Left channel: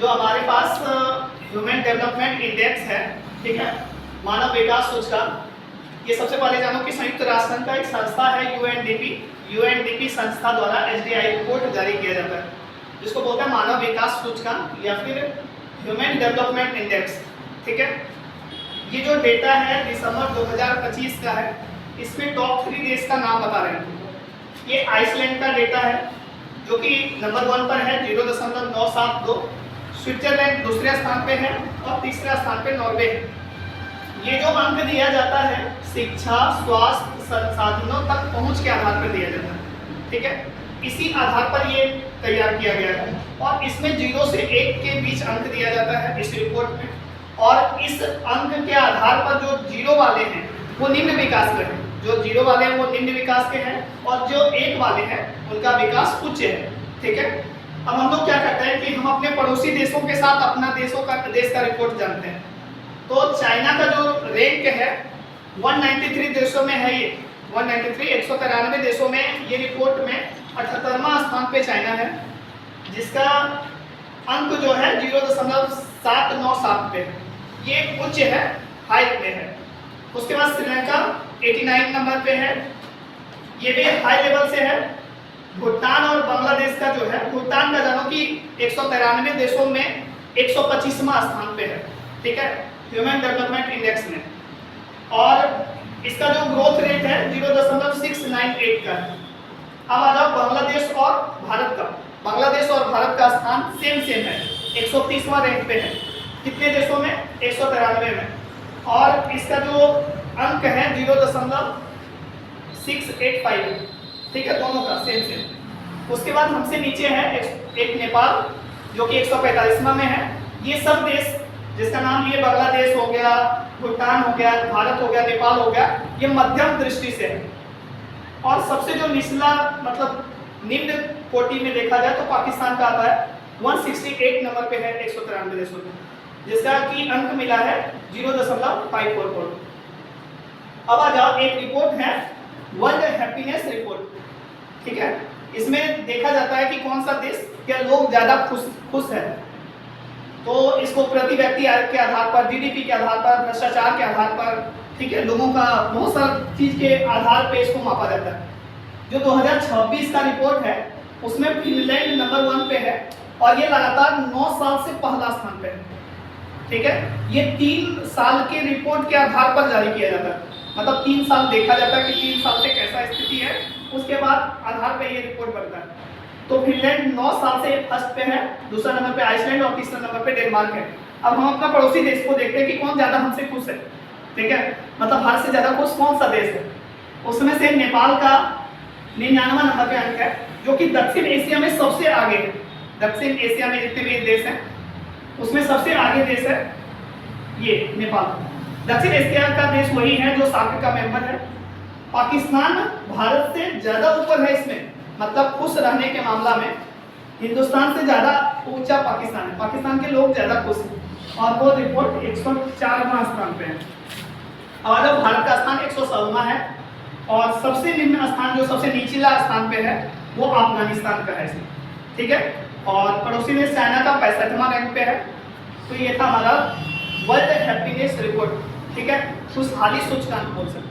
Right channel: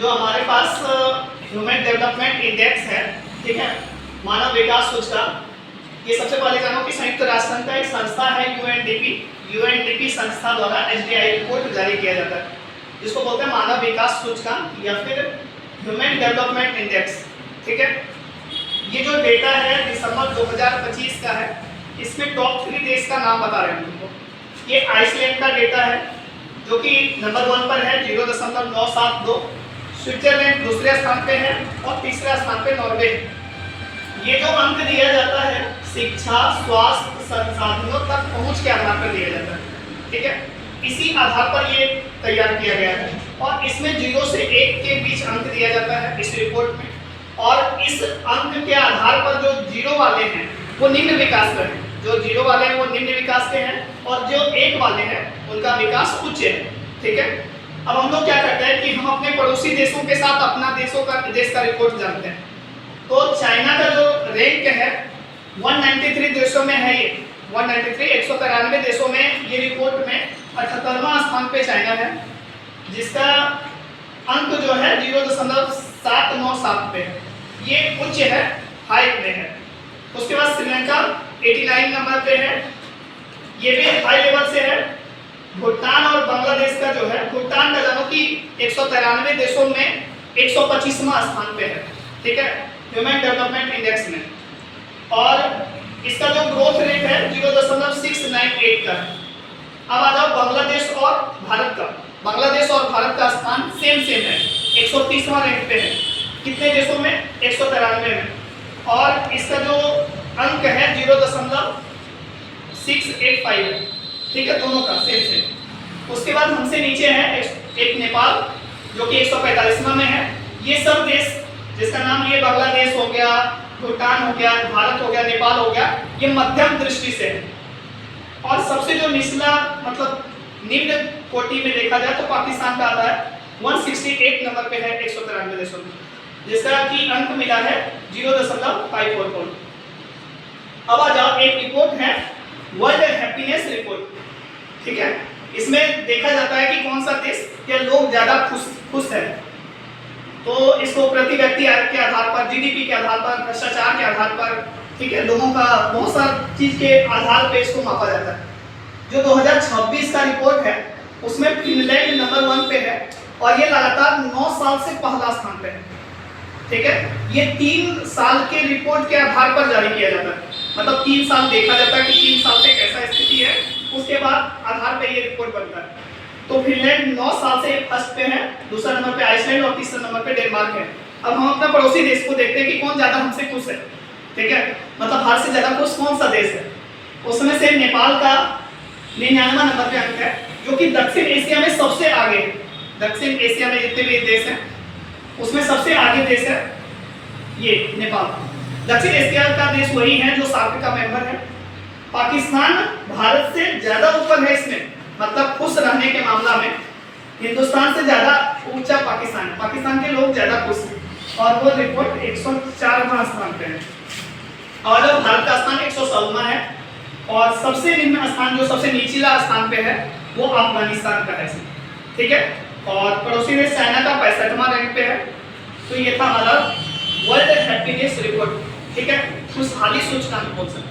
जो हमारे पास human development index है, ठीक है, मानव विकास सूचकांक। ये सबसे पहले जानो कि संयुक्त राष्ट्र संघ का एक संस्था है यूएनडीपी संस्था द्वारा एचडीआई रिपोर्ट जारी किया जाता है, जिसको बोलते हैं मानव विकास सूचकांक या फिर ह्यूमन डेवलपमेंट इंडेक्स। ठीक है, ये जो डेटा है दिसंबर 2025 का है। इसमें टॉप 3 देश का नाम बता रहे हैं तुमको। ये आइसलैंड का डेटा है जो कि नंबर 1 पर है 0.972। स्विट्जरलैंड दूसरे स्थान पे है और तीसरे स्थान पे नॉर्वे है। ये जो अंक दिया जाता है शिक्षा, स्वास्थ्य, संसाधनों तक पहुंच के आधार पर दिया जाता है। ठीक है, इसी आधार पर ये तैयार किया गया है और इसमें 0 से 1 के बीच अंक दिया जाता है इस रिपोर्ट में। और इस अंक के आधार पर जो 0 वाले हैं वो निम्न विकास के हैं, जो 0 वाले हैं वो निम्न विकास के हैं और जो 1 वाले हैं उनका विकास उच्च है। ठीक है, अब हम लोग क्या करते हैं कि हम अपने पड़ोसी देशों के साथ अपना देश का रिपोर्ट जानते हैं। तो चाइना का जो रैंक है 193 देशों में है, ये 193 193 देशों में ये रिपोर्ट में 78वां स्थान पे चाइना है, जिसका अंक जो है 0.797 पे है। ये उच्च है, हाई पे है। उसके बाद श्रीलंका 89 नंबर पे है, ये भी हाई लेवल से है। भूटान और बांग्लादेश का जो है, भूटान का जानो कि 193 देशों में 125वां स्थान पे है। ठीक है, ह्यूमन डेवलपमेंट इंडेक्स में। और इसका जो ग्रोथ रेट है 0.698 का है। अब आ जाओ बांग्लादेश और भारत का। बांग्लादेश और भारत का स्थान सेम है, 130वां रैंक पे है। कितने देशों में? 193 में। और इसका जो अंक है 0.685 है। ठीक है, दोनों का सेम। उसके बाद हमसे नीचे है एक नेपाल जो कि 145वां में है। ये सब देश जिसका नाम ये बांग्लादेश हो गया, भूटान हो गया, भारत हो गया, नेपाल हो गया, ये मध्यम दृष्टि से है। और सबसे जो निचला मतलब निम्न कोटि में देखा जाए तो पाकिस्तान का आता है 168 नंबर पे है 193 देशों में, जिसका की अंक मिला है 0.544। अब आ जाओ, एक रिपोर्ट है वर्ल्ड हैप्पीनेस रिपोर्ट। ठीक है, इसमें देखा जाता है कि कौन सा देश के लोग ज्यादा खुश है। तो इसको प्रति व्यक्ति आय के आधार पर, जीडीपी के आधार पर, भ्रष्टाचार के आधार पर, ठीक है, लोगों का बहुत सारी चीज के आधार पे इसको मापा जाता है। जो 2026 का रिपोर्ट है उसमें फिनलैंड नंबर 1 पे है और ये लगातार 9 साल से पहला स्थान पे है। ठीक है, ये 3 साल के रिपोर्ट के आधार पर जारी किया जाता है। मतलब 3 साल देखा जाता है कि 3 साल से कैसा स्थिति है, उसके बाद आधार पे ये रिपोर्ट बनता है। तो फिनलैंड 9 साल से फर्स्ट पे है, दूसरा नंबर पे आइसलैंड और तीसरा नंबर पे डेनमार्क है। अब हम अपना पड़ोसी देश को देखते हैं कि कौन ज्यादा हमसे खुश है। ठीक है, मतलब भारत से ज्यादा खुश कौन सा देश है? उसमें से नेपाल का 99वां नंबर पे अंक है, जो कि दक्षिण एशिया में सबसे आगे है। दक्षिण एशिया में जितने भी देश हैं उसमें सबसे आगे देश है ये नेपाल। दक्षिण एशिया का देश वही है जो सार्क का मेंबर है। पाकिस्तान भारत से ज्यादा ऊपर है इसमें, मतलब खुश रहने के मामला में हिंदुस्तान से ज्यादा ऊंचा पाकिस्तान के लोग ज्यादा खुश हैं और वो रिपोर्ट 104वां स्थान पे है। और जब भारत का स्थान 107वां है और सबसे निम्न स्थान जो सबसे निचला स्थान पे है वो अफगानिस्तान का है। ठीक है, और पड़ोसी देश चाइना का 65वां रैंक पे है। तो ये था हमारा वर्ल्ड हैप्पीनेस रिपोर्ट। ठीक है, खुशहाली सूचकांक बोल सकते हैं।